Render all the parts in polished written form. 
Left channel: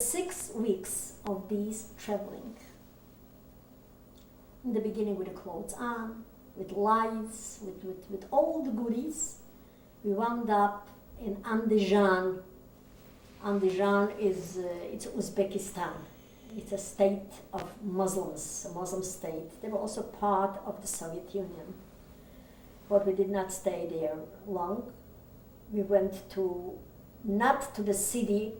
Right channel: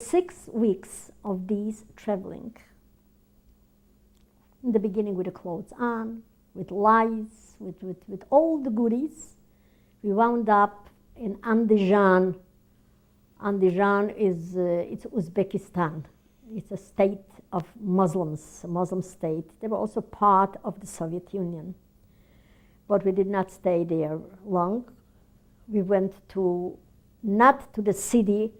6 weeks of these traveling. In the beginning with the clothes on, with lights, with all the goodies. We wound up in Andijan. Andijan is it's Uzbekistan. It's a state of Muslims, a Muslim state. They were also part of the Soviet Union. But we did not stay there long. We went not to the city,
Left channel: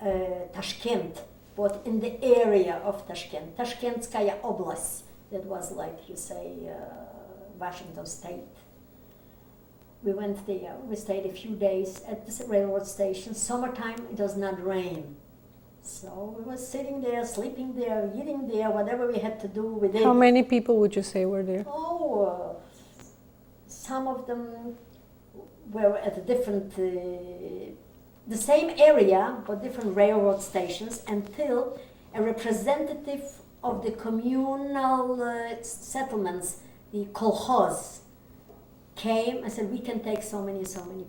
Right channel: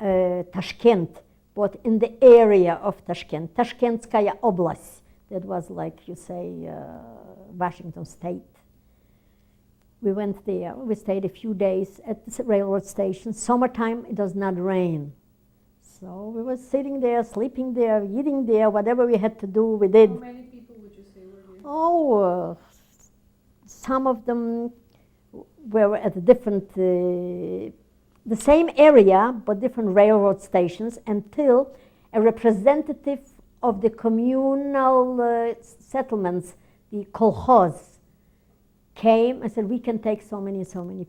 Tashkent, but in the area of Tashkent, Tashkentskaya Oblast. That was like you say, Washington State. We went there. We stayed a few days at the railroad station. Summertime, it does not rain. So we were sitting there, sleeping there, eating there, whatever we had to do, we did. How many people would you say were there? Some of them were at different, the same area, but different railroad stations, until a representative of the communal settlements, the kolkhoz, came and said, we can take so many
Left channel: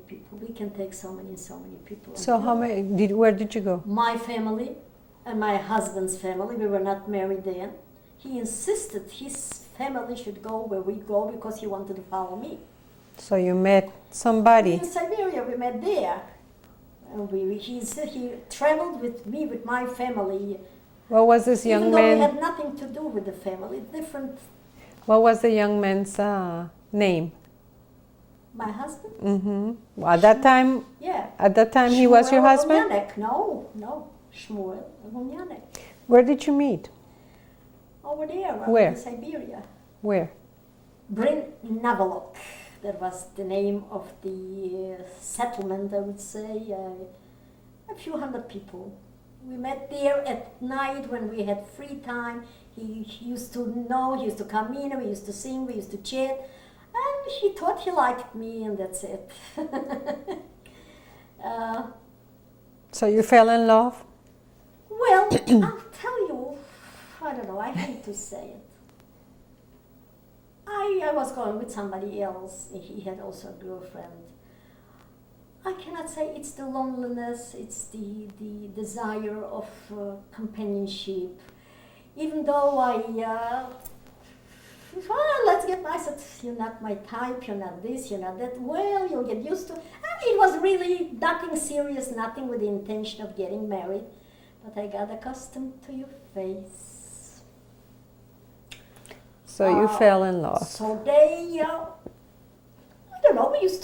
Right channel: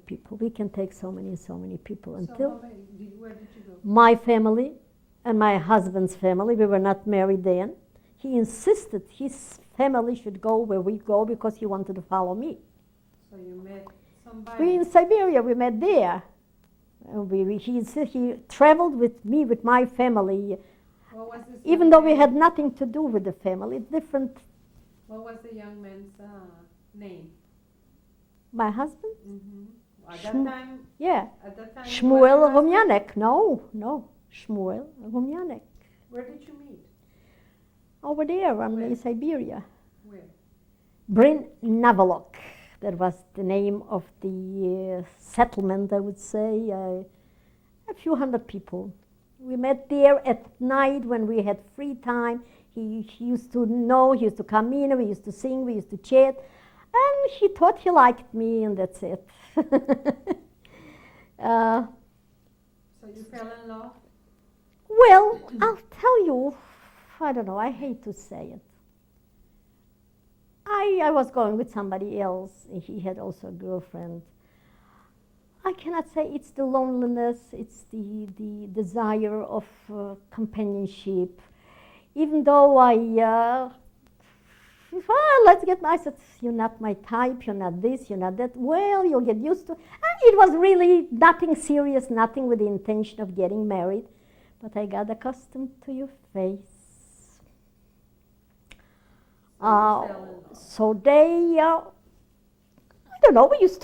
people. We can take so many people. So how many, where did you go? My family and my husband's family, we were not married then. He insisted his family should go where we go because he wanted to follow me. So you met somebody? In Siberia, we met there. And he traveled with me, with my family. What was this young man? Even though we had nothing to do with the family, different. What was the young man's name? My husband? Mm-hmm. Well, at that time? Yeah. At that time he was your husband? Rumyanek. No. Shmuel Rumyanek. Where did you meet? Over there, Where? In Siberia. Where? Brin Navalok. That was the name of the settlement, I would say. A few hundred people. We met there at night when we had free time. He used to know, he used to come in, we used to sing, we used to chat. And he thought he liked me, and that's it. So you fell in love? Well, I'll tell you, I don't know, I hate to say it. I was going with somebody else. He had also a girlfriend. I cannot say it's the loneliness, it's the desire of companionship. Even though let's get nice. You're not my type, you're not this, you're not that. Well, you'll get used to it. And it was really nothing serious, nothing with the intention of getting married. But I got accustomed to your face. So you fell in love. So they, I don't know, we used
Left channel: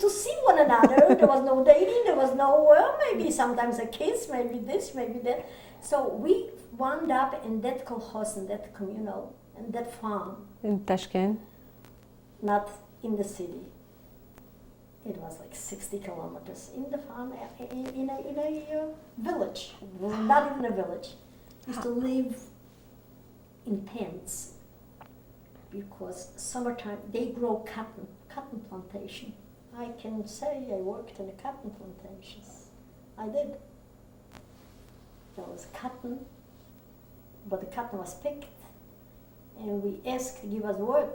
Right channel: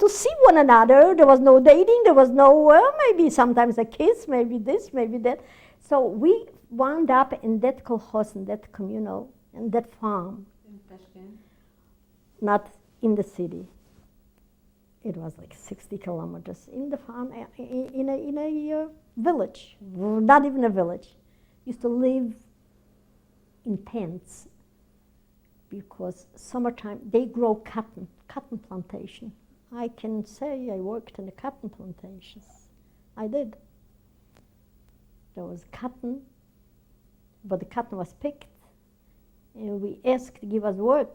to see one another. There was no dating, there was no, maybe sometimes a kiss, maybe this, maybe that. So we wound up in that kolkhoz, in that communal, in that farm. In Tashkent? Not in the city. It was like 60 kilometers in the farm, in a village, not even a village. Used to live in tents because summertime they grow cotton plantation. I can say I worked in the cotton plantations. I did. There was cotton, but the cotton was picked, and we asked to give us work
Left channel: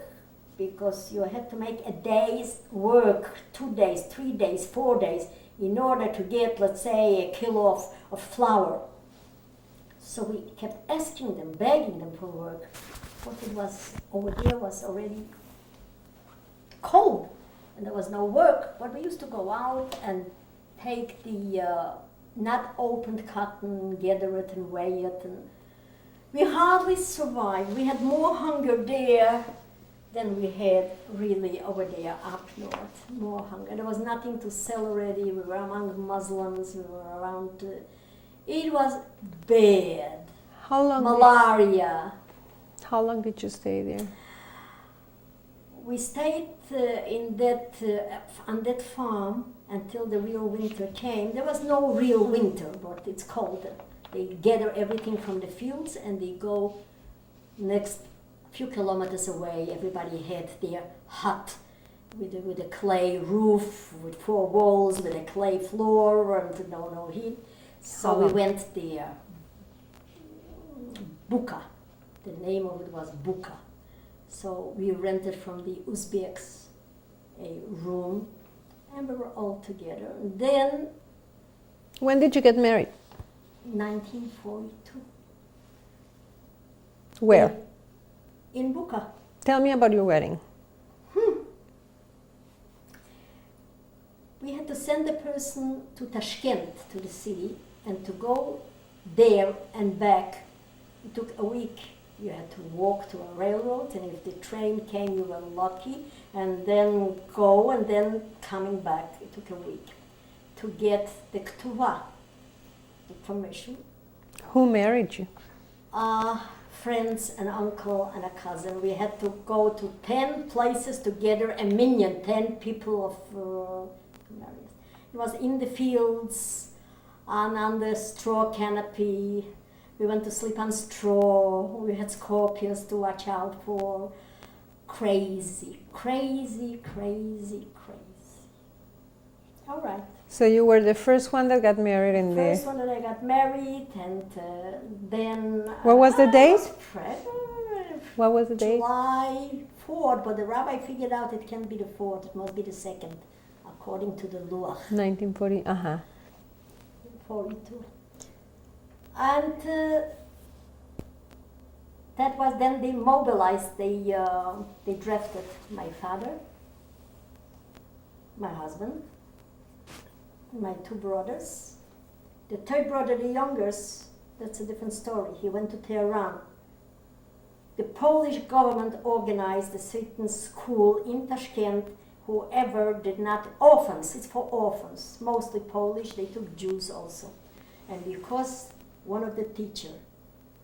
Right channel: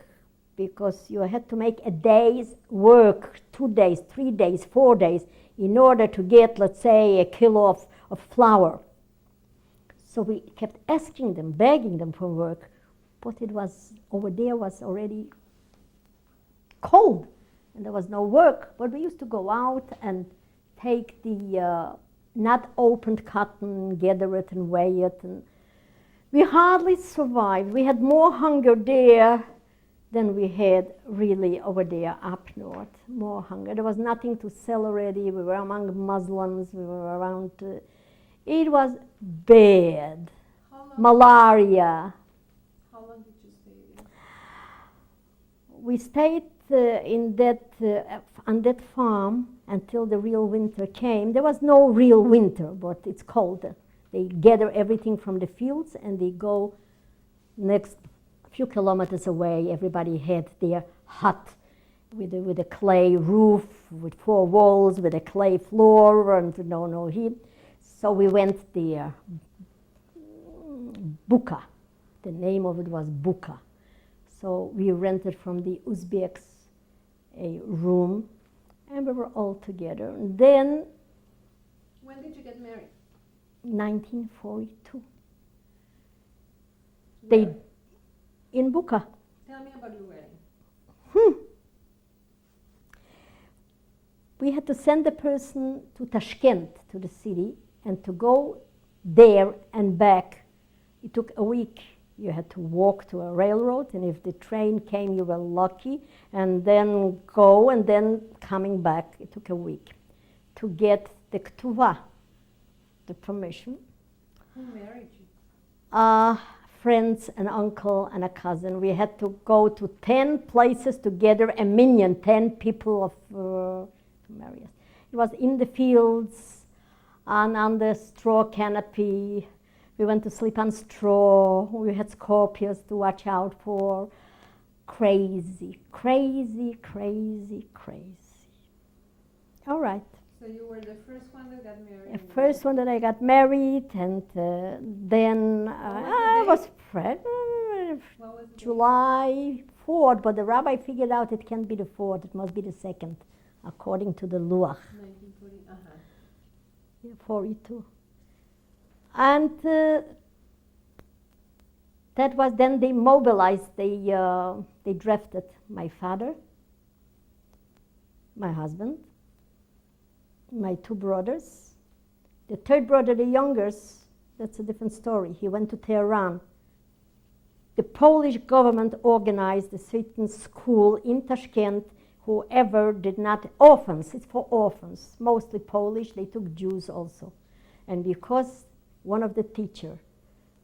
because you had to make a day's work, 2 days, 3 days, 4 days, in order to get, let's say, a kilo of flour. So we kept asking them, begging them for work, but it was, over there was already cold, and there was no work. But we used to go out and take the not opened cotton, gather it and weigh it, and we hardly survived. We had more hunger there than we had really over there up north, more hunger. There was nothing to sell already. We were among Muslims, we were around, it was bad. How long? Malaria. How long did you stay there? We stayed on that farm until the real winter came. There was no real winter, but it's cold. They gather everything from the fields and they go next few kilometers away. Everybody had their hut with a clay roof, with 4 walls, with a clay floor, and no heat. So we went there. Buka. The name of it was Buka. So we rented from the Uzbeks a room, and we were all together. And then When did you get married? 1942. Where? In Buka. Tell me about your wedding. We had to send the person to Tashkent, to the city, and to go there and back. It took a week. You had to walk to a railroad, and if the train came, you were lucky, and then go, and then coming back. It took a week to get the ktuva, the permission. Who married you? Friends, an uncle, and a cousin. We had to go to 10 places to gather a minyan, 10 people of marriage. It was in the fields, and on the straw canopy. We went to sleep on straw. We had scorpions to watch out for. Crazy, crazy, crazy, crazy. All right. So you were the first one that got married in First one that I got married, and then... What was the I date? was pregnant. What was the date? July 4th, but the rabbi figured out it can't be the 4th, it must be the 2nd, according to the Luach. 1940, 42. And that was then they mobilized, they drafted my father, my husband, my 2 brothers. The 3rd brother, the youngest, that's a different story. He went to Tehran. The Polish government organized a certain school in Tashkent. Whoever did not, orphans, it's for orphans, mostly Polish, they took Jews also. And because one of the teachers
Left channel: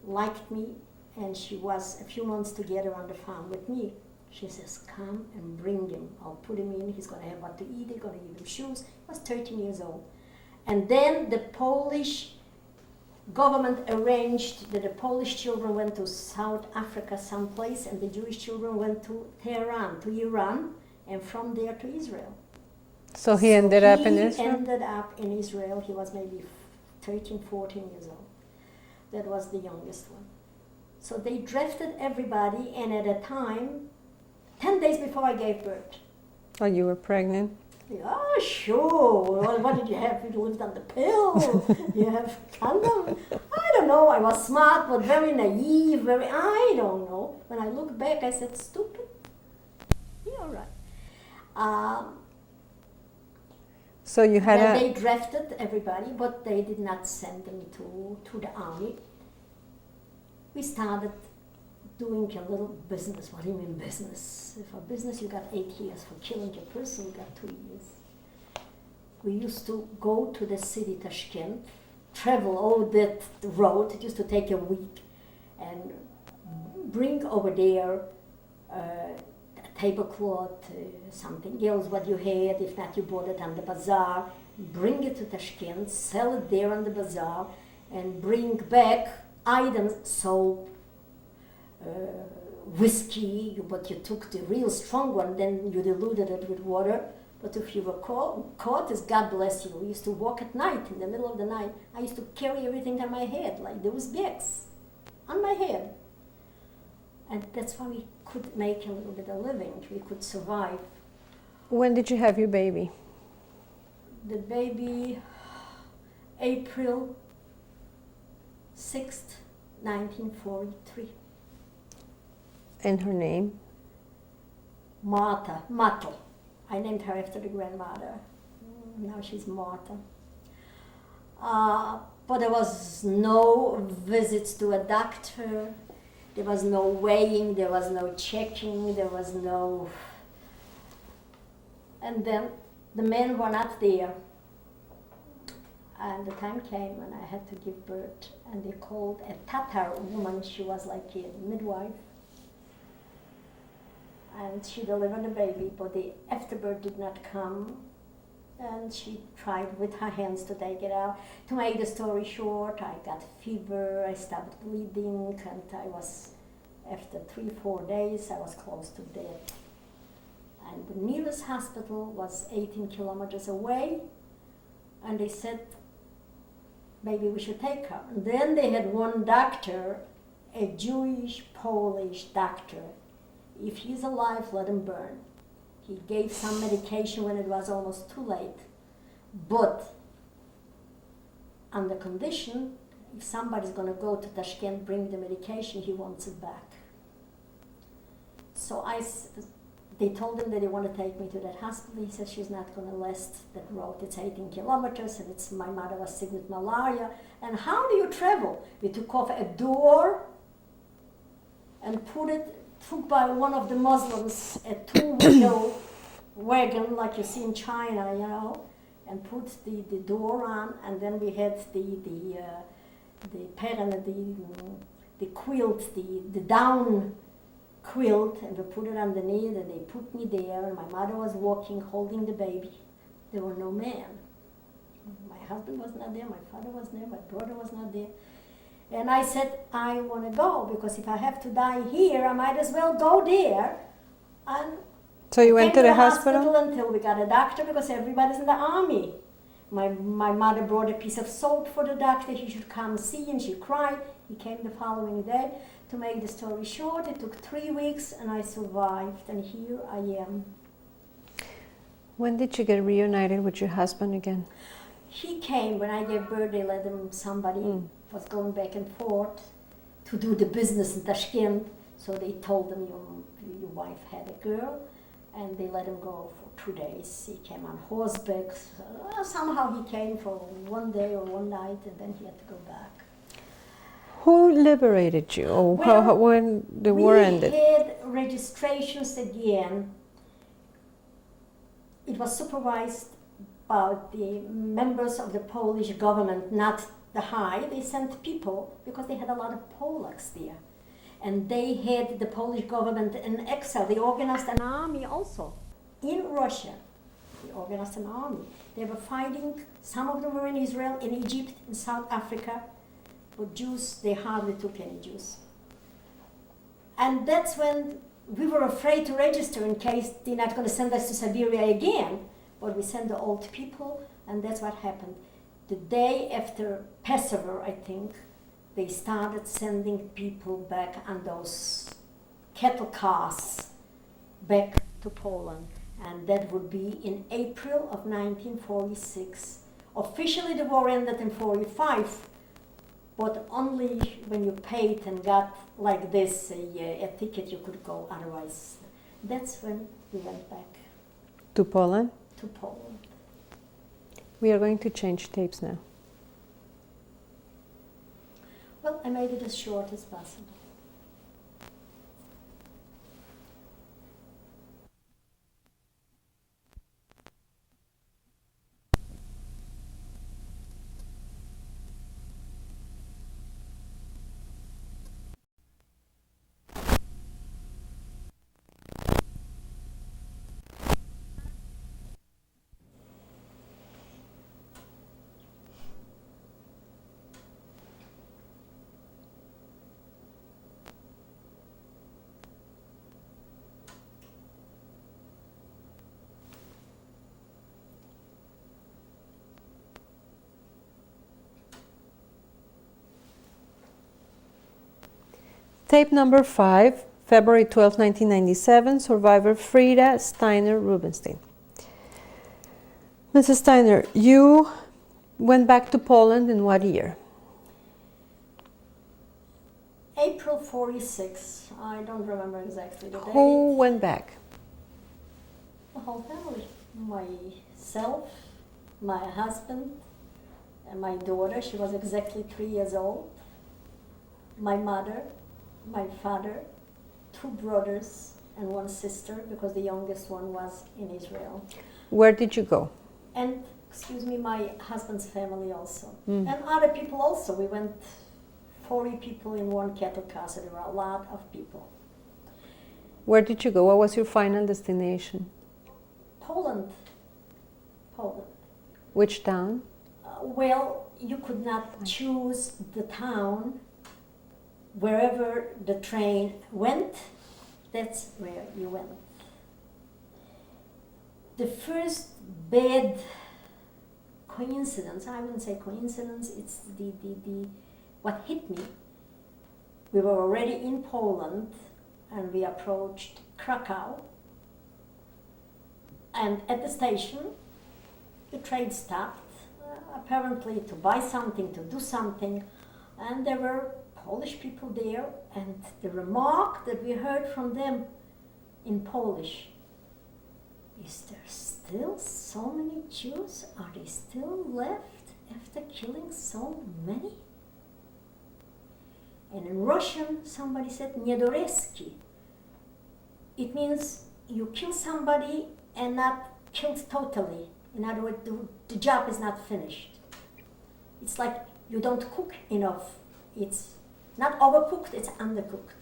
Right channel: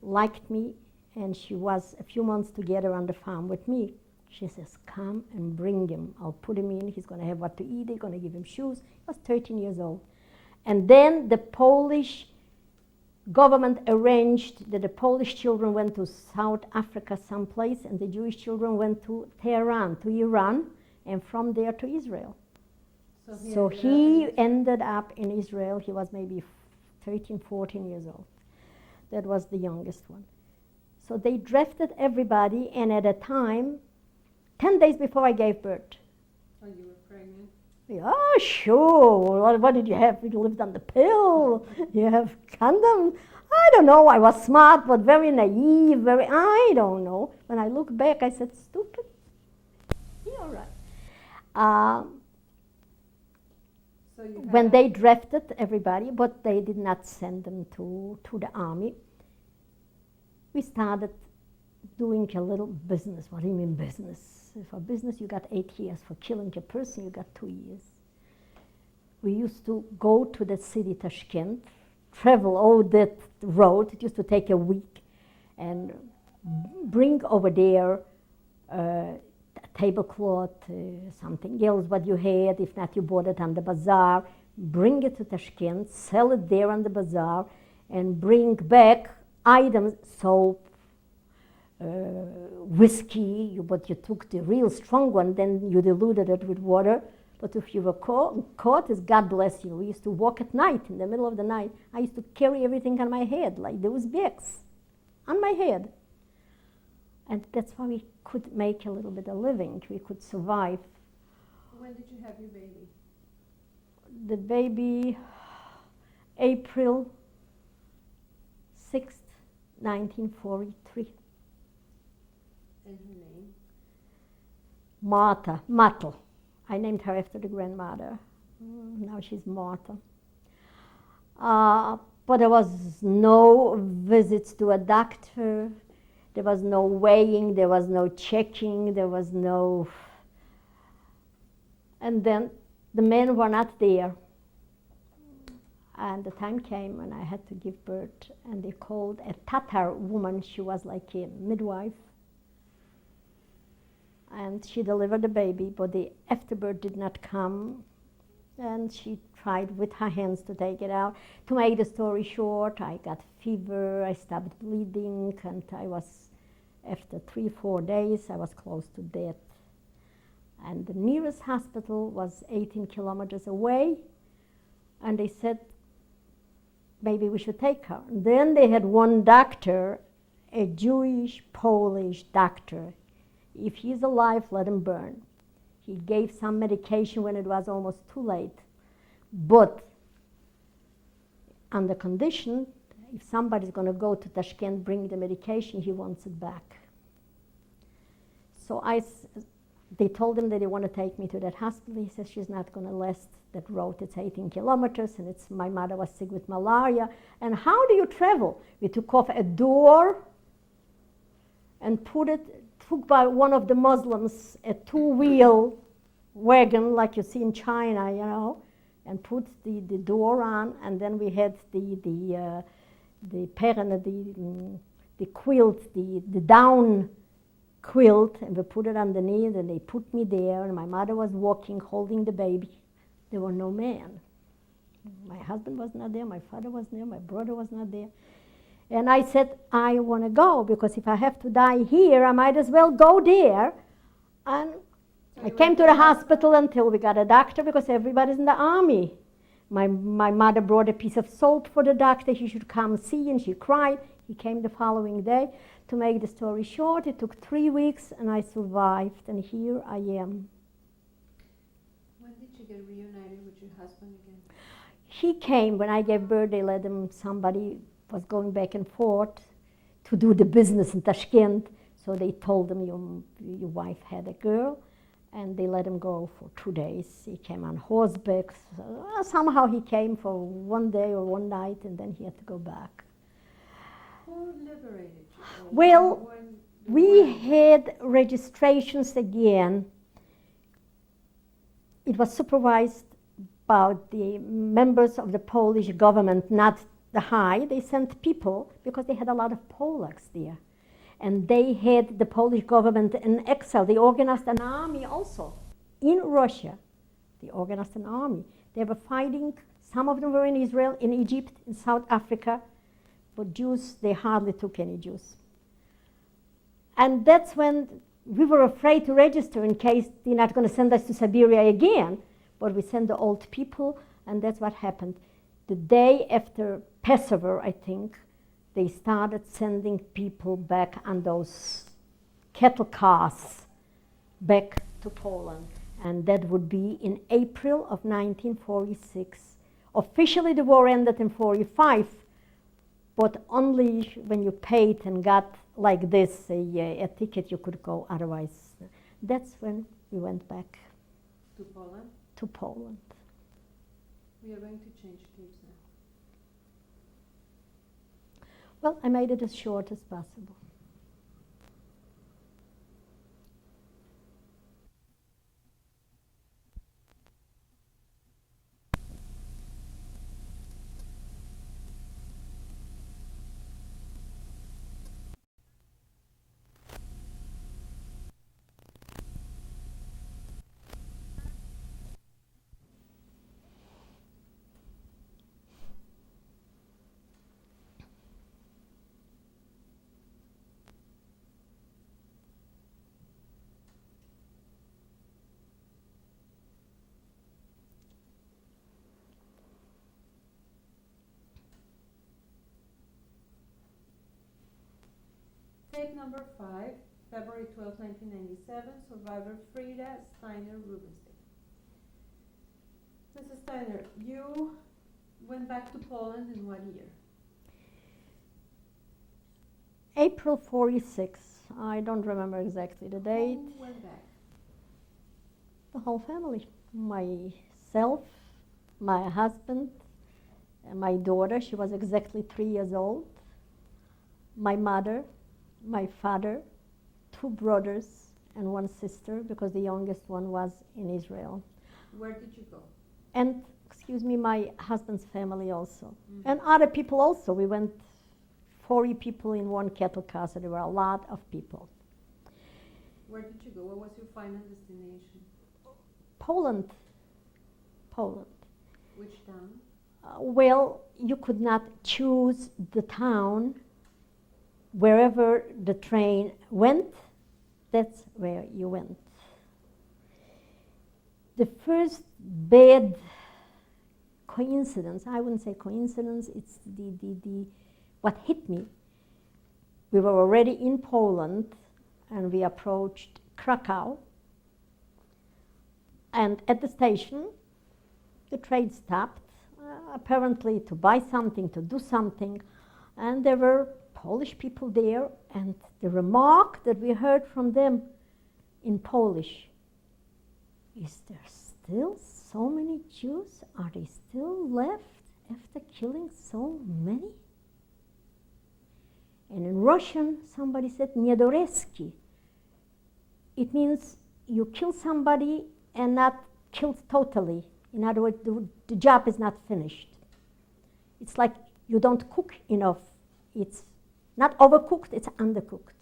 liked me, and she was a few months together on the farm with me, she says, come and bring him. I'll put him in, he's going to have what to eat, they're going to give him shoes. He was 13 years old. And then the Polish government arranged that the Polish children went to South Africa someplace, and the Jewish children went to Tehran, to Iran, and from there to Israel. So he ended up in Israel? He ended up in Israel. He was maybe 13, 14 years old. That was the youngest one. So they drafted everybody, and at a time, 10 days before I gave birth. Oh, you were pregnant? Yeah, sure. What did you have? You lived on the pill. You have condom. I don't know. I was smart, but very naive. I don't know. When I look back, I said, stupid. Yeah, all right. So you had Then they drafted everybody, but they did not send them to the army. We started doing a little business. What do you mean business? For business, you got 8 years. For killing a person, you got 2 years. We used to go to the city, Tashkent, travel all that road. It used to take a week, and bring over there a tablecloth, something else what you had. If not, you bought it on the bazaar. Bring it to Tashkent, sell it there on the bazaar, and bring back items, soap, whiskey, but you took the real strong one, then you diluted it with water. But if you were caught, it's God bless you. We used to walk at night, in the middle of the night. I used to carry everything on my head, like those bags on my head. And that's why we could make a little bit of living. We could survive. When did you have your baby? The baby, April 6th, 1943. And her name? Martha, Mato. I named her after the grandmother. Now she's Martha. But there was no visits to a doctor. There was no weighing. There was no checking. There was no... And then the men were not there. And the time came when I had to give birth, and they called a Tatar woman. She was like a midwife. And she delivered the baby, but the afterbirth did not come. And she tried with her hands to take it out. To make the story short, I got fever, I stopped bleeding, and I was, after 3-4 days, I was close to death. And the nearest hospital was 18 kilometers away, and they said, maybe we should take her. And then they had one doctor, a Jewish, Polish doctor. If he's alive, let him burn. He gave some medication when it was almost too late. But on the condition if somebody's going to go to Tashkent, bring the medication, he wants it back. So they told him that they want to take me to that hospital. He said, she's not going to last that road. It's 18 kilometers, and my mother was sick with malaria. And how do you travel? We took off a door and took by one of the Muslims a two-wheel wagon like you see in China, you know, and put the door on, and then we had the parent, the quilt, the down quilt, and we put it underneath, and they put me there, and my mother was walking, holding the baby. There were no men. My husband was not there, my father was there, my brother was not there. And I said, I want to go, because if I have to die here, I might as well go there. And so you I went came to the the hospital until we got a doctor, because everybody's in the army. My mother brought a piece of soap for the doctor. He should come see, and she cried. He came the following day. To make the story short, it took 3 weeks, and I survived, and here I am. When did you get reunited with your husband again? He came when I gave birth. They let him, somebody was going back and forth to do the business in Tashkent, so they told him, your wife had a girl, and they let him go for 2 days. He came on horseback. Somehow he came for 1 day or 1 night, and then he had to go back. Who liberated you? Or Well, when the war ended? We had registrations again. It was supervised by the members of the Polish government, not the high. They sent people because they had a lot of Polacks there. And they had the Polish government in exile. They organized an army also in Russia. They organized an army. They were fighting. Some of them were in Israel, in Egypt, in South Africa. But Jews, they hardly took any Jews. And that's when we were afraid to register in case they're not going to send us to Siberia again. But we sent the old people, and that's what happened. The day after Passover, I think, they started sending people back on those cattle cars back to Poland. And that would be in April of 1946. Officially, the war ended in 1945. But only when you paid and got like this a ticket you could go, otherwise. That's when we went back. To Poland? To Poland. We are going to change tapes now. Well, I made it as short as possible. Tape number 5, February 12, 1997, survivor Frida Steiner Rubenstein. Mrs. Steiner, you went back to Poland in what year? April 46. I don't remember exactly the date. Who went back? The whole family. Myself, my husband, and my daughter. She was exactly 3 years old. My mother, my father, 2 brothers, and 1 sister, because the youngest one was in Israel. Where did you go? And, my husband's family also. And other people also. We went 40 people in 1 cattle car, so there were a lot of people. Where did you go? What was your final destination? Poland. Which town? Well, you could not choose the town. Wherever the train went, that's where you went. The first bad coincidence, I wouldn't say coincidence, it's what hit me. We were already in Poland, and we approached Krakow. And at the station, the train stopped, apparently to buy something, to do something. And there were Polish people there, and the remark that we heard from them in Polish, is there still so many Jews? Are they still left after killing so many? And in Russian, somebody said "Niedoreski." It means you kill somebody and not killed totally. In other words, the job is not finished. It's like you don't cook enough. It's not overcooked, it's undercooked.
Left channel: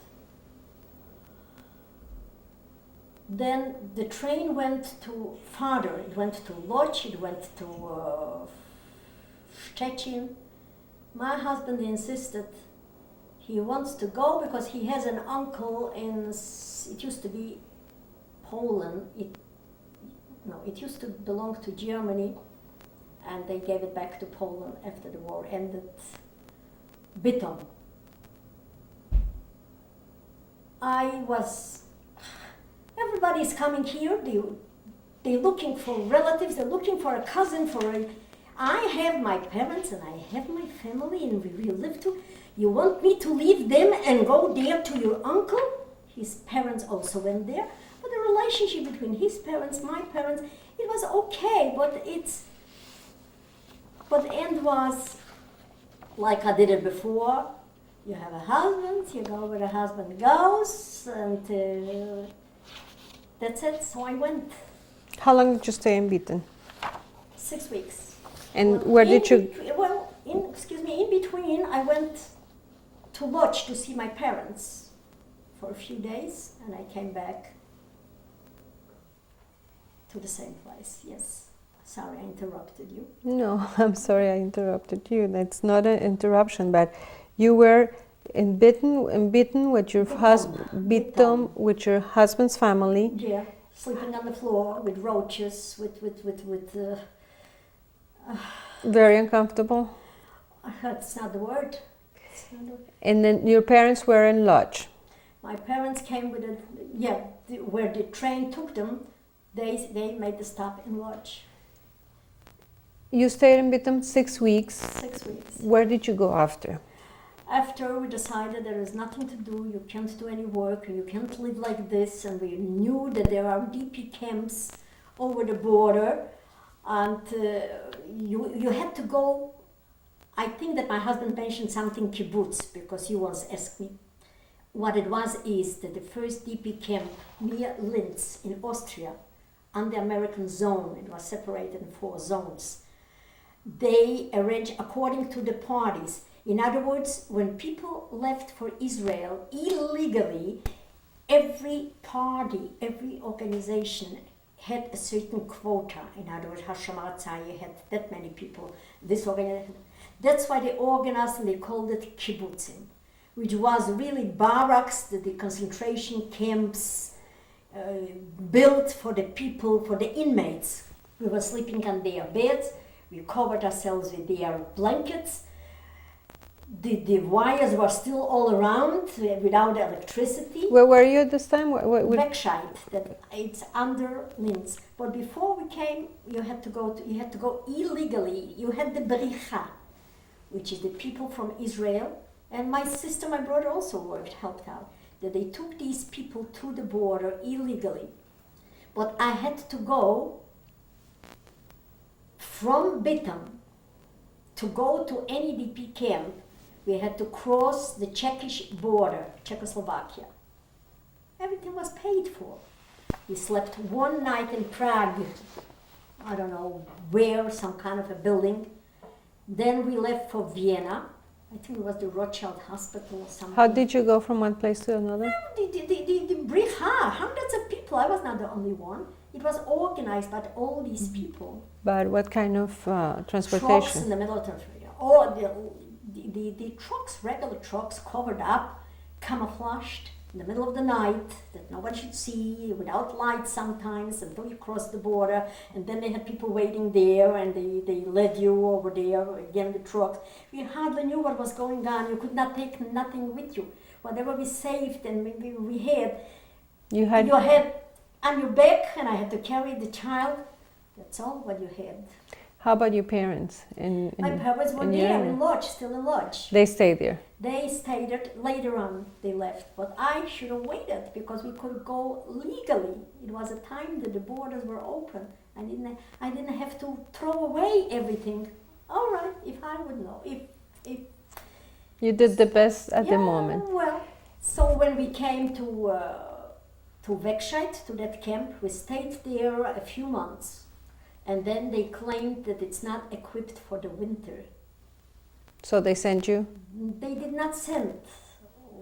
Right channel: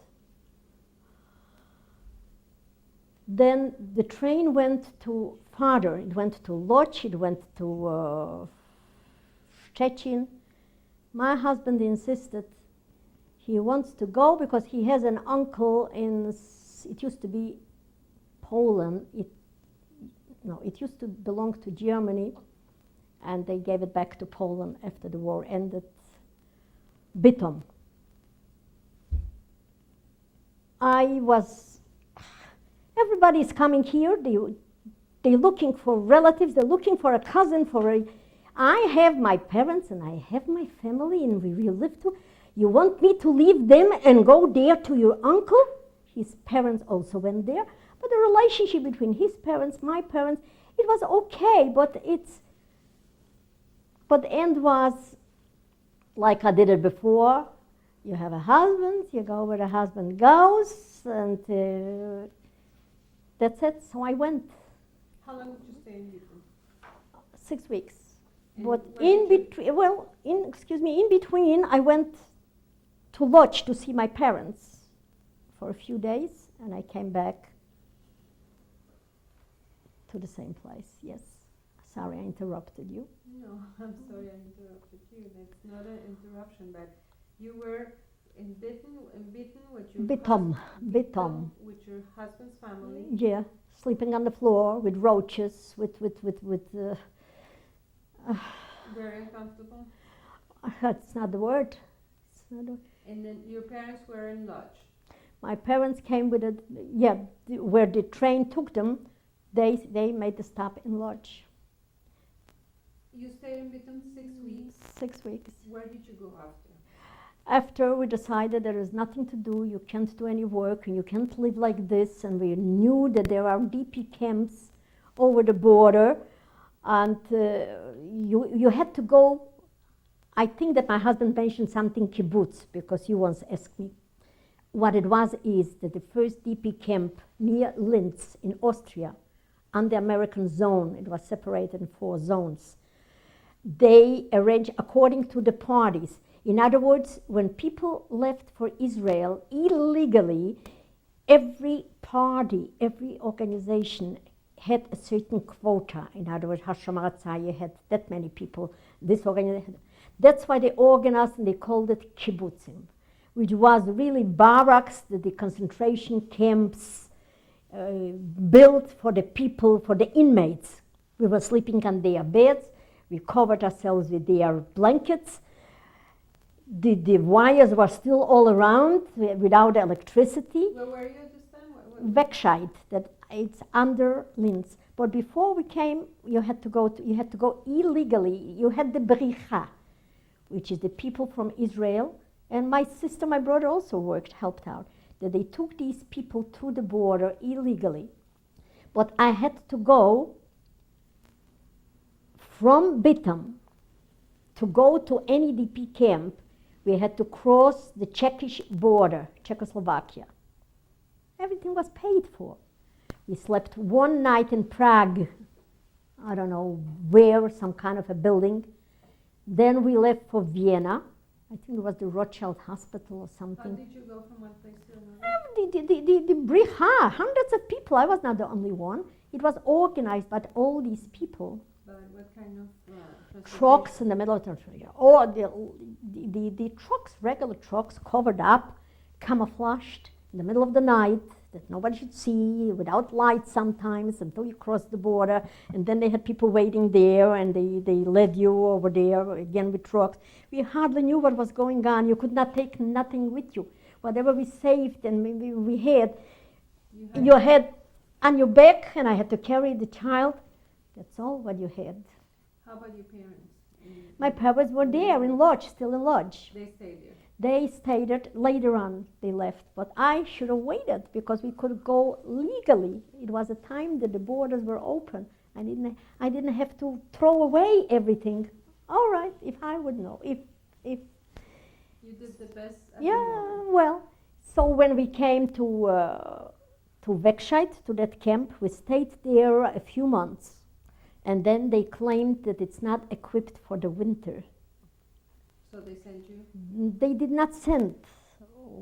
Then the train went to farther. It went to Lodz, it went to Szczecin. My husband insisted he wants to go because he has an uncle in, it used to be Poland. It used to belong to Germany, and they gave it back to Poland after the war ended. Bytom. Everybody is coming here. They're looking for relatives. They're looking for a cousin. I have my parents and I have my family, and we live too. You want me to leave them and go there to your uncle? His parents also went there. But the relationship between his parents, my parents, it was okay. But the end was like I did it before. You have a husband, you go where the husband goes, and that's it. So I went. How long did you stay in Bytom? 6 weeks. And But where did you? in between, I went to Lodz to see my parents for a few days, and I came back to the same place. Yes. Sorry, I interrupted you. No, I'm sorry I interrupted you. That's not an interruption, but you were in Bytom with your husband, Bytom. with your husband's family. Yeah, sleeping on the floor with roaches, with Very uncomfortable. that's not the word. And then your parents were in Lodz. My parents came with where the train took them. They made the stop in Lodz. You stayed in Bytom 6 weeks. 6 weeks. Where did you go after? After we decided there is nothing to do, you can't do any work, and you can't live like this, and we knew that there are DP camps over the border, and you had to go. I think that my husband mentioned something kibbutz, because he once asked me what it was. Is that the first DP camp near Linz in Austria, on the American zone, it was separated in 4 zones. They arranged according to the parties. In other words, when people left for Israel illegally, every party, every organization had a certain quota. In other words, Hashomer Hatzair had that many people. This organization. That's why they organized, and they called it kibbutzim, which was really barracks, the concentration camps built for the people, for the inmates. We were sleeping on their beds. We covered ourselves with their blankets. The wires were still all around without electricity. Where were you at this time? Backside, that it's under Linz. But before we came, you had to go illegally. You had the bericha, which is the people from Israel, and my sister, my brother also helped out. That they took these people to the border illegally. But I had to go from Bytom to go to any DP camp. We had to cross the Czechish border, Czechoslovakia. Everything was paid for. We slept one night in Prague, I don't know where, some kind of a building. Then we left for Vienna. I think it was the Rothschild Hospital or something. How did you go from one place to another? The Bricha, hundreds of people. I was not the only one. It was organized by all these people. But what kind of transportation? Trucks in the military. Or the trucks, regular trucks, covered up, camouflaged, in the middle of the night, that nobody should see, without lights sometimes, until you cross the border. And then they had people waiting there, and they led you over there, again with trucks. We hardly knew what was going on. You could not take nothing with you. Whatever we saved and we had, you had on your back, and I had to carry the child. That's all what you had. How about your parents? My parents were in there Germany? in Lodge, still in Lodge. They stayed there. They stayed there. Later on, they left. But I should have waited because we could go legally. It was a time that the borders were open. I didn't have to throw away everything. All right, if I would know. If You did the best at the yeah, moment. well, so when we came to Wegscheid, to that camp, we stayed there a few months. And then they claimed that it's not equipped for the winter. So they sent you? They did not send.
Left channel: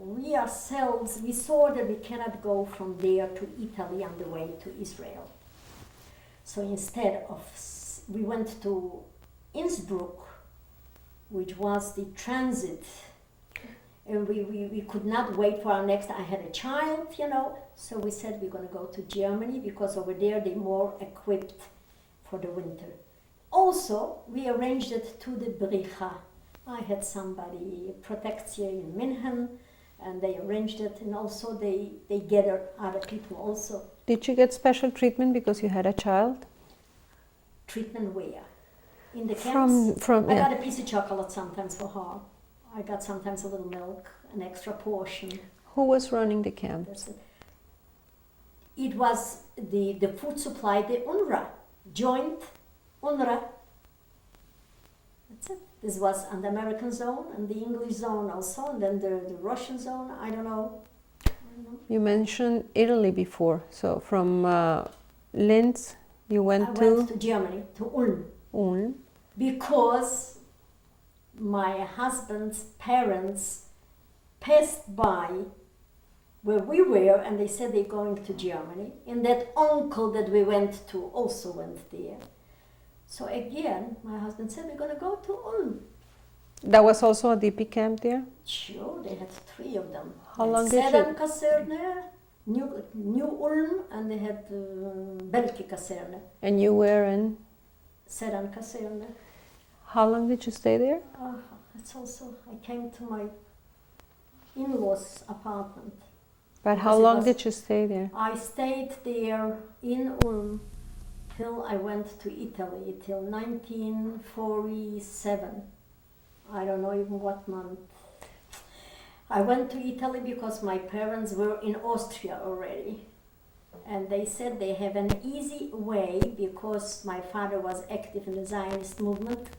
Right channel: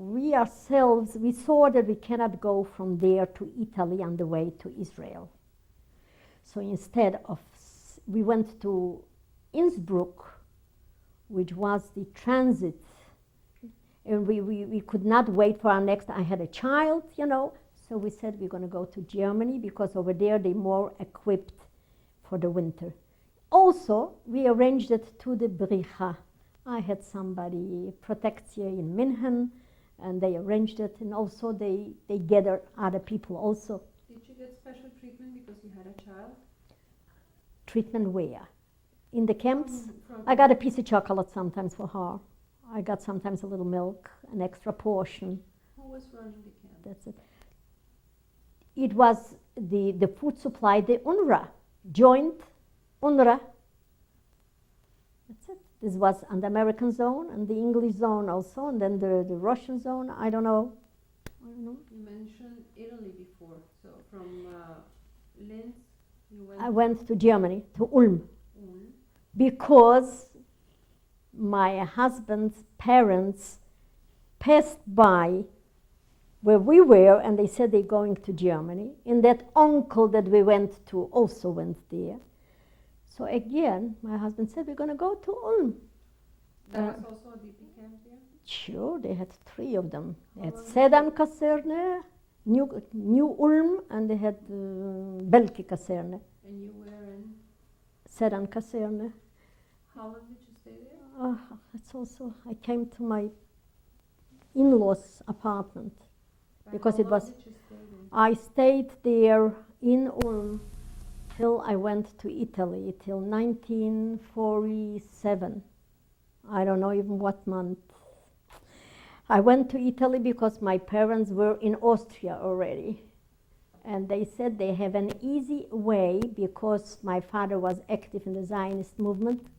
We ourselves, we saw that we cannot go from there to Italy on the way to Israel. So instead of, we went to Innsbruck, which was the transit. And we could not wait for our next, I had a child, you know, so we said we're going to go to Germany because over there they're more equipped for the winter. Also, we arranged it to the Bricha. I had somebody protect here in München, and they arranged it, and also they gathered other people also. Did you get special treatment because you had a child? Treatment where? In the camps? I got a piece of chocolate sometimes for her. I got sometimes a little milk, an extra portion. Who was running the camp? It was the food supply, the UNRWA, joint UNRWA. That's it. This was on the American zone and the English zone also, and then the Russian zone, I don't know. You mentioned Italy before, so from Linz you went I went to Germany, to Ulm. Ulm. Because my husband's parents passed by where we were, and they said they're going to Germany. And that uncle that we went to also went there. So again, my husband said, we're going to go to Ulm. That was also a DP camp there? Sure, they had 3 of them. How long did Sedan you... Kaserne, New Ulm, and they had Belki Kaserne. And you were in? Sedan Kaserne. How long did you stay there? It's also, I came to my in-laws' apartment. But how long did you stay there? I stayed there in Ulm till I went to Italy, till 1947. I don't know even what month. I went to Italy because my parents were in Austria already. And they said they have an easy way because my father was active in the Zionist movement.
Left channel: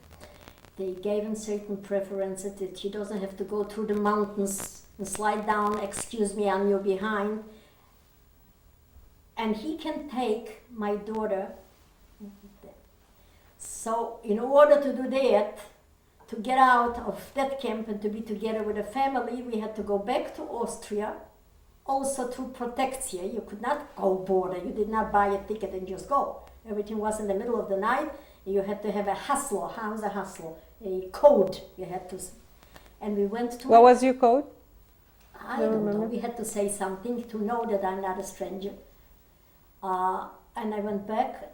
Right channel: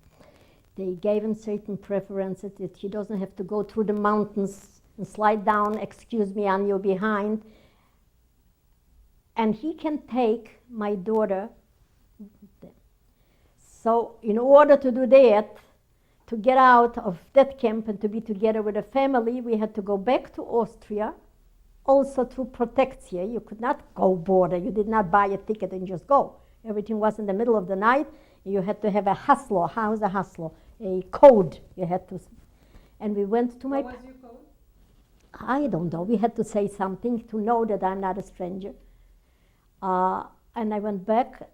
They gave him certain preferences that he doesn't have to go through the mountains and slide down, excuse me, on your behind. And he can take my daughter. So in order to do that, to get out of that camp and to be together with a family, we had to go back to Austria, also to Protectia. You could not go border. You did not buy a ticket and just go. Everything was in the middle of the night. You had to have a hustler. How is a hustler? A code you had to. And we went to. What was your code? I don't know. We had to say something to know that I'm not a stranger. And I went back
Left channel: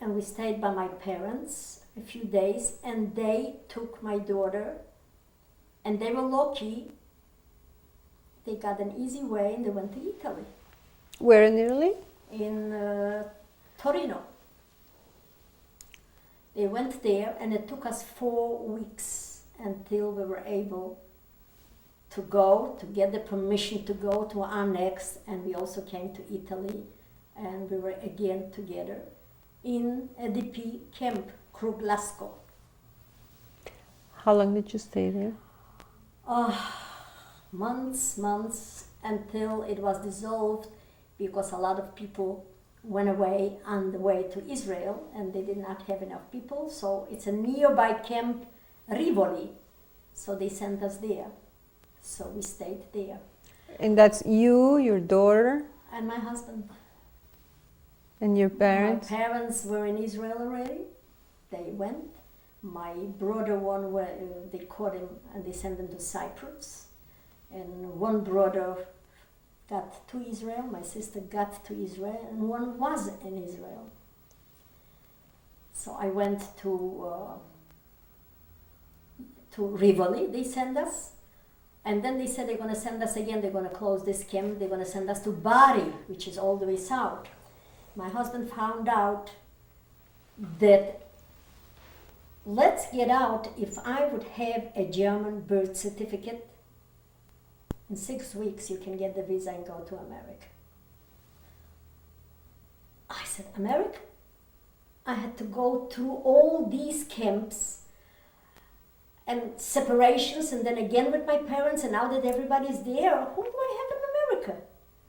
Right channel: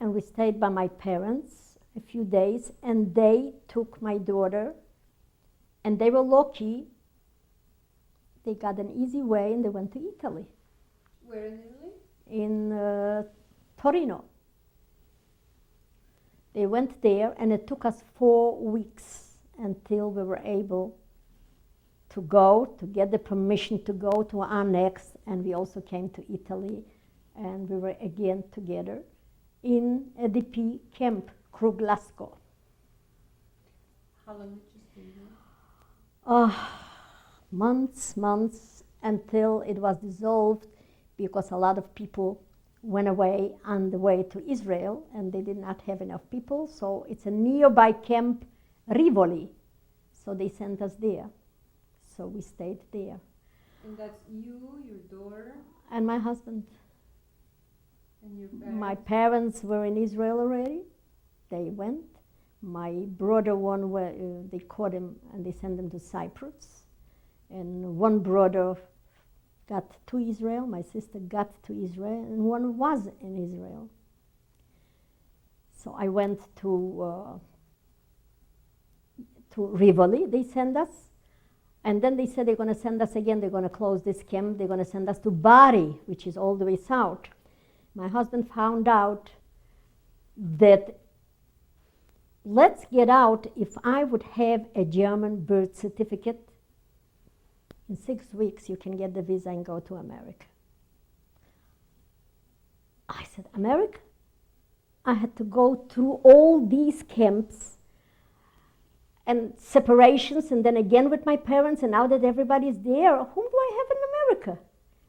and we stayed by my parents a few days, and they took my daughter, and they were lucky. They got an easy way and they went to Italy. Where in Italy? In Torino. They went there, and it took us 4 weeks until we were able to go, to get the permission to go to our next, and we also came to Italy, and we were again together in a DP camp, Kruglasko. How long did you stay there? Months, until it was dissolved, because a lot of people went away on the way to Israel, and they did not have enough people, so it's a nearby camp, Rivoli, so they sent us there. So we stayed there. And that's you, your daughter? And my husband. And your parents? My parents were in Israel already. They went. My brother, they caught him and they sent him to Cyprus. And one brother got to Israel, my sister got to Israel, and one was in Israel. So I went to Rivoli, they sent us. And then they said they're going to send us again, they're going to close this camp, they're going to send us to Bari, which is all the way south. My husband found out that let's get out. If I would have a German birth certificate, in 6 weeks you can get the visa and go to America. I said, America? I had to go through all these camps and separations, and then again with my parents, and now that everybody's there, whom do I have in America?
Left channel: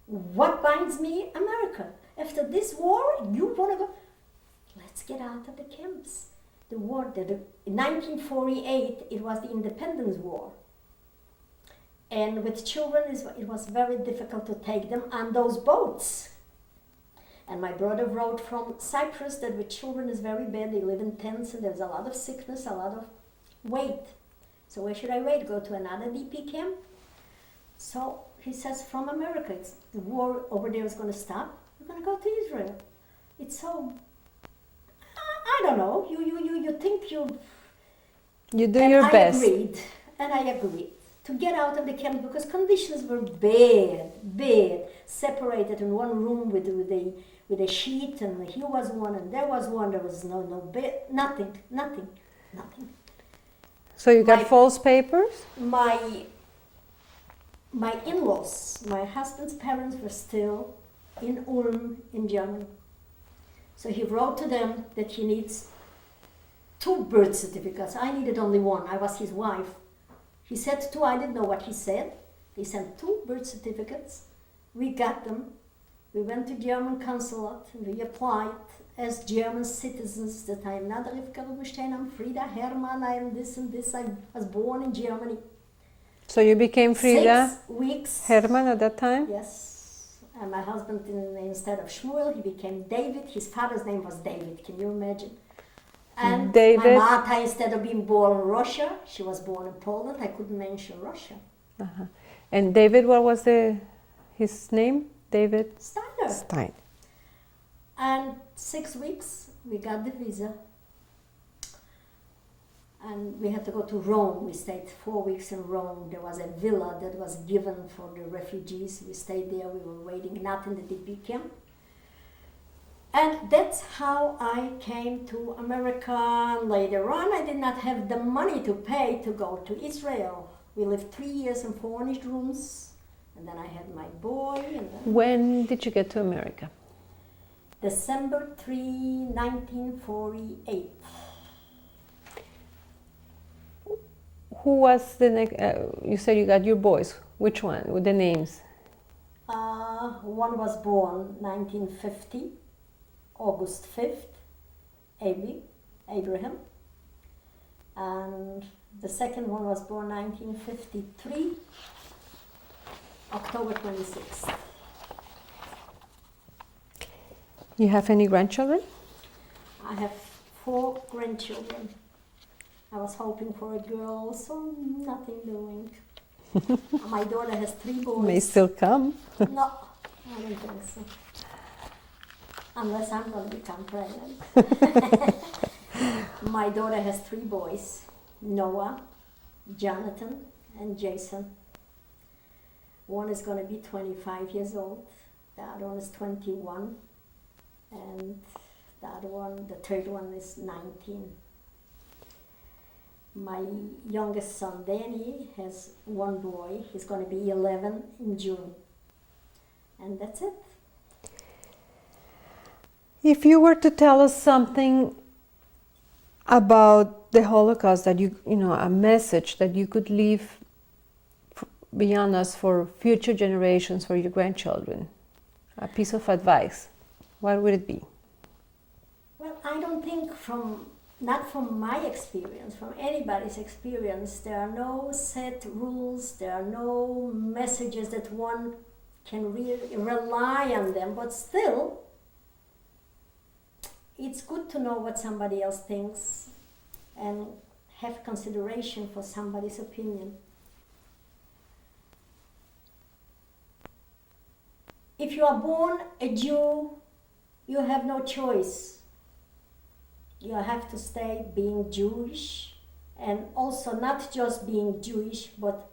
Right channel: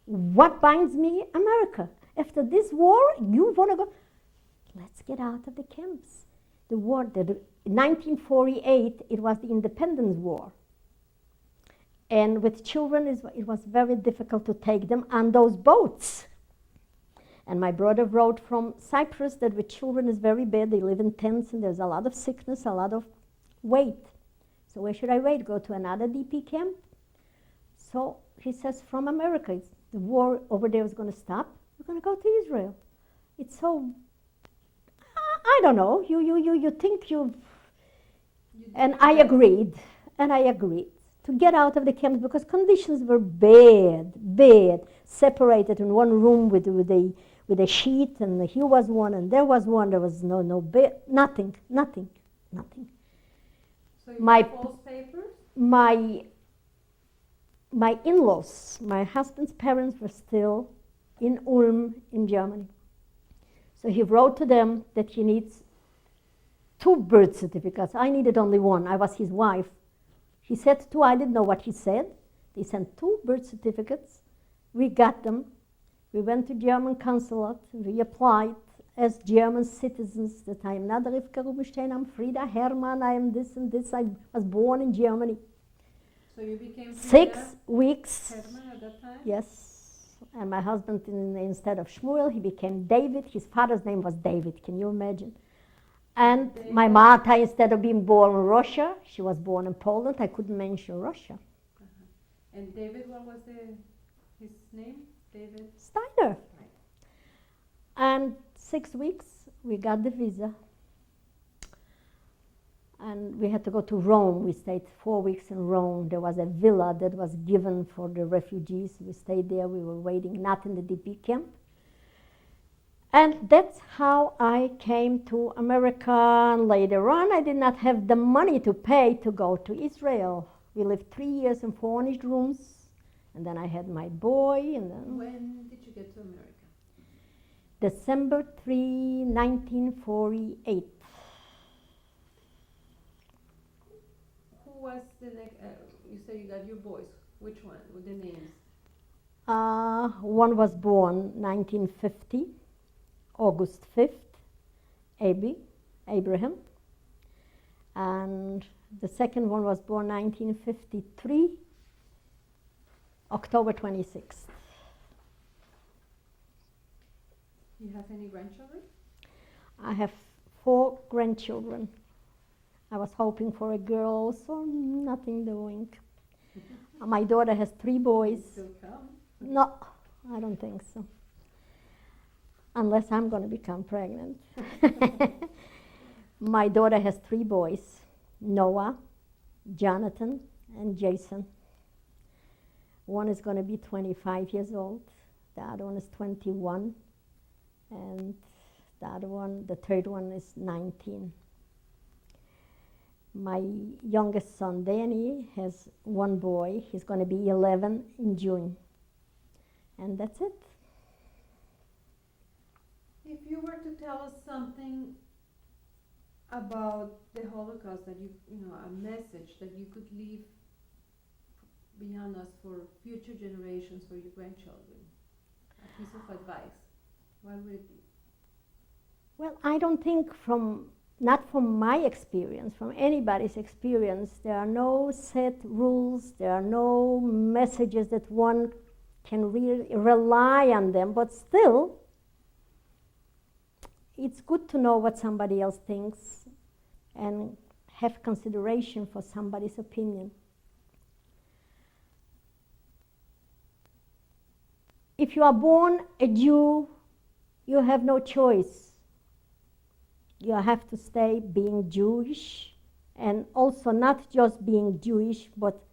What binds me? America. After this war, you want to go? Let's get out of the camps. The war, in 1948, it was the Independence War. And with children, it was very difficult to take them on those boats. And my brother wrote from Cyprus that with children is very bad. They live in tents and there's a lot of sickness, a lot of weight. So where should I wait? Go to another DP camp? So he says, from America, the war over there is going to stop. We're going to go to Israel. It's so, I don't know. You think you You do and your I best. I agreed to get out of the camp because conditions were bad. Separated in one room with a sheet, and he was one and there was one. There was no bed, nothing. So you got false papers? My in-laws, my husband's parents were still in Ulm in Germany. So he wrote to them that he needs 2 birth certificates. I needed only one. I was his wife. He said 2. I didn't know what he said. He sent 2 birth certificates. We got them. We went to German consulate. We applied as German citizens that I am not Rivka Rubinstein, I'm Frida Hermann, I am this and this. I was born in Germany. So you became Frida 6 weeks. Hermann at that time? Yes. And my husband, instead of Shmuel, he became David. His father's name was David. Can you imagine? And David. my mother, instead of being born in Russia, she was born in Poland. I couldn't mention Russia. Uh-huh. And David, what was his name? David Steiner. Stein. And 6 weeks, we got the visa. And we had to go to Rome. We stayed 4 weeks in Rome. There was a villa that was given for the refugees. We stayed there. We were waiting, not in the DP camp. And that's how I came to America. Later on, I did not have the money to pay to go to Israel. We lived 3 years in furnished rooms. And then I had my boy. And then When did you get to America? December 3, 1948. Who was the next? You said you got your boys. Which one? With the names? One was born 1950, August 5th, Abraham. And the second one was born 1953, October 26th. You have any grandchildren? I have 4 grandchildren. I was hoping for a girl, so nothing doing. My daughter has 3 boys. May still come. No, I don't think so. Unless I'm going to become pregnant. My daughter has 3 boys, Noah, Jonathan, and Jason. One is going to be 25 years old. The other one is 21. And the third one is 19. My youngest son, Danny, has 1 boy. He's going to be 11 in June. And that's it. If you were to tell us something about the Holocaust, that a message that you could leave beyond us for future generations, for your grandchildren, a piece of advice, what would it be? Well, I don't think not from my experience, from anybody's experience, there are no set rules, there are no messages that one can really rely on them, but still, it's good to know what somebody else thinks and have consideration for somebody's opinion. If you are born a Jew, you have no choice. You have to stay being Jewish, and also not just being Jewish, but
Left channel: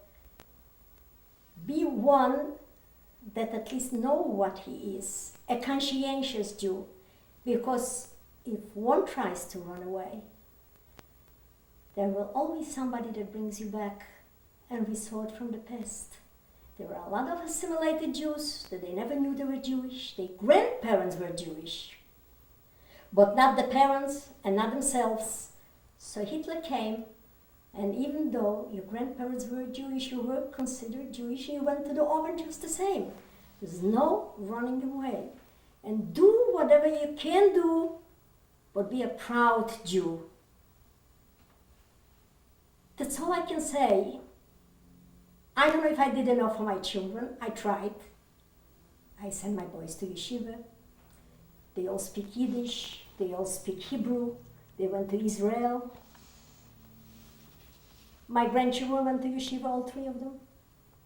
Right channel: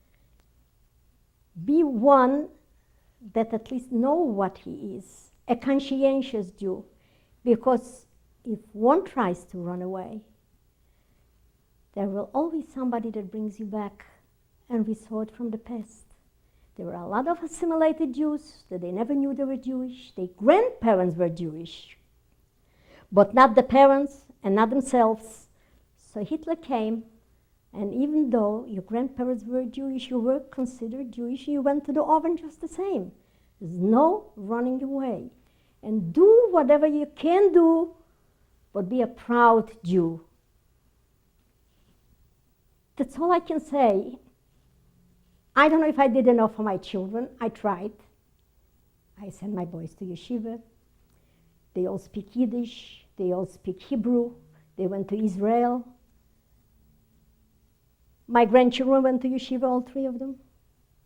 be one that at least know what he is, a conscientious Jew. Because if one tries to run away, There will always somebody that brings you back and resort from the past. There were a lot of assimilated Jews that they never knew they were Jewish. Their grandparents were Jewish, but not the parents and not themselves. So Hitler came, and even though your grandparents were Jewish, you were considered Jewish, you went to the oven just the same. There's no running away. And do whatever you can do, but be a proud Jew. That's all I can say. I don't know if I did enough for my children. I tried. I sent my boys to yeshiva. They all speak Yiddish. They all speak Hebrew. They went to Israel. My grandchildren went to yeshiva, all three of them.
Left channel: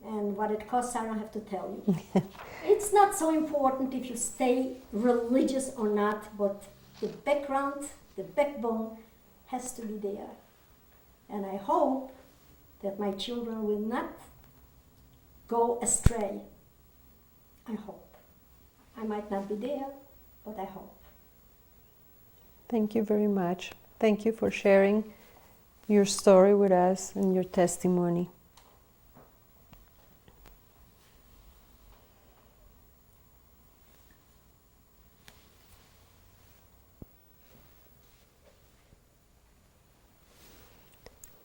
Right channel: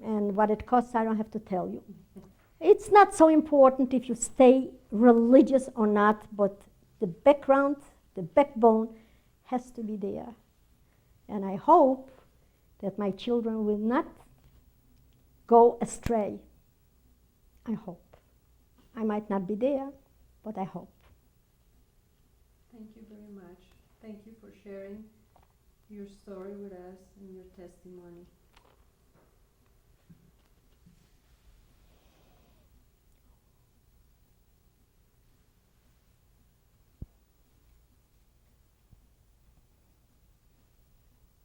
And what it costs, I don't have to tell you. It's not so important if you stay religious or not, but the background, the backbone has to be there. And I hope that my children will not go astray. I hope. I might not be there, but I hope. Thank you very much. Thank you for sharing your story with us and your testimony.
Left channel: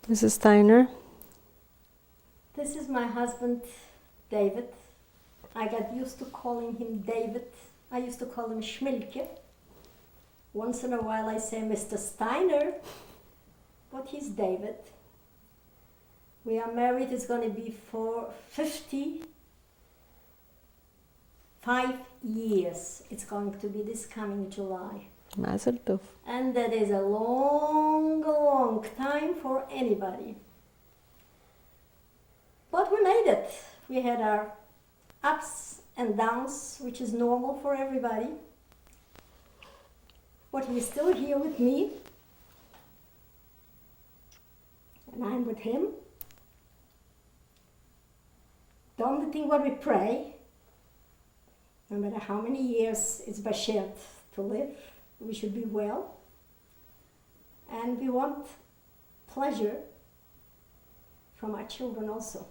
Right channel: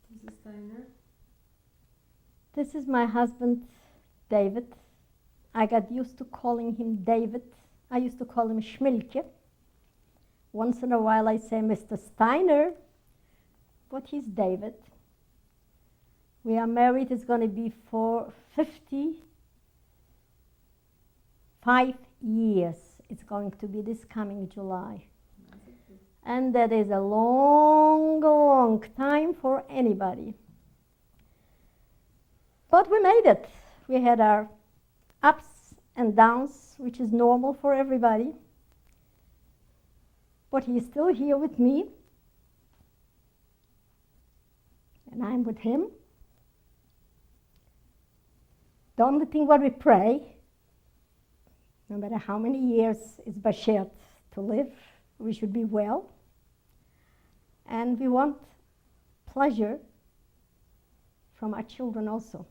Mrs. Steiner? This is my husband, David. I got used to calling him David. I used to call him Schmilke. Once in a while I say Mr. Steiner, but he's David. We are married, it's going to be for 55 years. It's going to be this coming July. Mazel tov. And that is a long, long time for anybody. But we made it. We had our ups and downs, which is normal for everybody. But he's still here with me. And I'm with him. The only thing what we pray, no matter how many years it's Bashet to live, we should be well. And we want pleasure from our children also.